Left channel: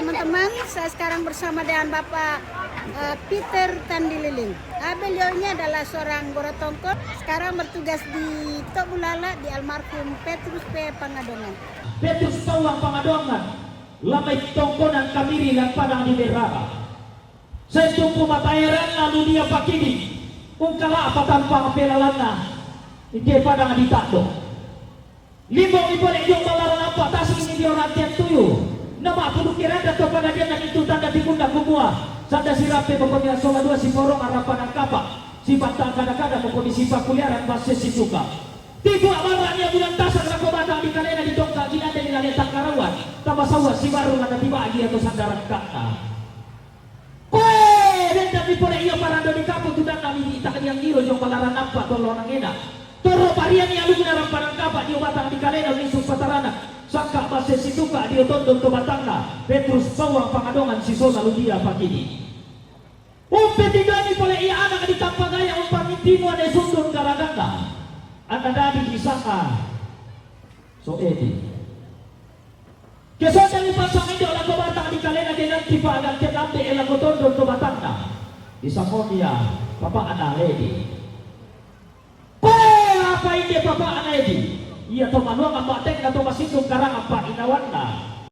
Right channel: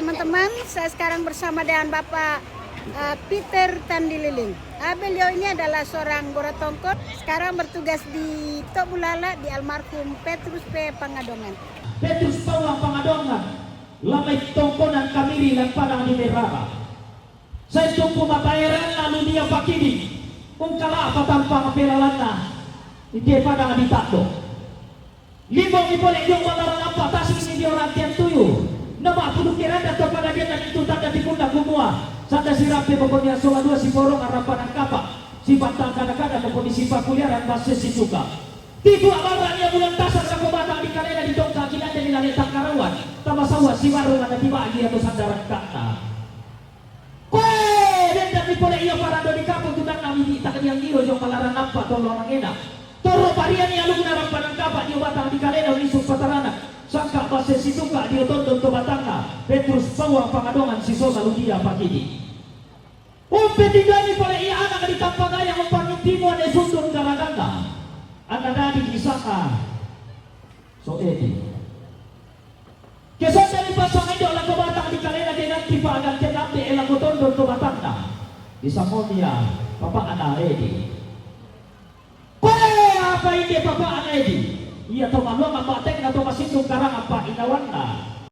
teman-teman, saya sekarang bersama dengan Bapak Peter Tandililing. Beliau ini adalah seorang Gorotongkot, sekarang bertugas di Tok Bulala di almarhum Petrus P. Pangadongan. Petrus Tawang Pangadongan, lamay tongkonan kamiri ng panang di Merah. Sa itong pumatayaran na dunia pakini, kung kala apatampang peralan na, hindi pa nang ditakbo. Limong ipalit yung mga apa, tasong hindi orang tiyan tuyo, na mapunukiran na ito pa na dyan nagitutan na di ko na kumuha. Sada si Rapi pokoknya songa dua si Porong harapan ang kapa, si Batang kadang-kadang na kondisi pakuliaran masih si Suka. Tiba marah niya bilang tasang na kumatang di kanina di Tongka, ginada nilang yatang karawan, tamasawa si Maru na tiba niya mo sa darang kakta. Di pula ia parado di kampung tutang kami di tak yang hero yung malaran apa tolong orang enak. Toro parian yang lu dalam parang kapak dia batang di kalena misuk patarana. Sangka pasir si Suka dia tonton to batangna. Petrus Tawang Pangadongan si Sosa Ludia pakini. Umpetigani pula ia anak di tampang gaya umpang intimo ne sundun garaganda. Anda dari di sana. So edi. Kesana ni pasang indo lagu batang di kalena dengan tiba agan kenambe elago tonton to batangna. Isa mo niya, Papa Analedi. Apa ini Papa Analedi? Ia to manuang ang matek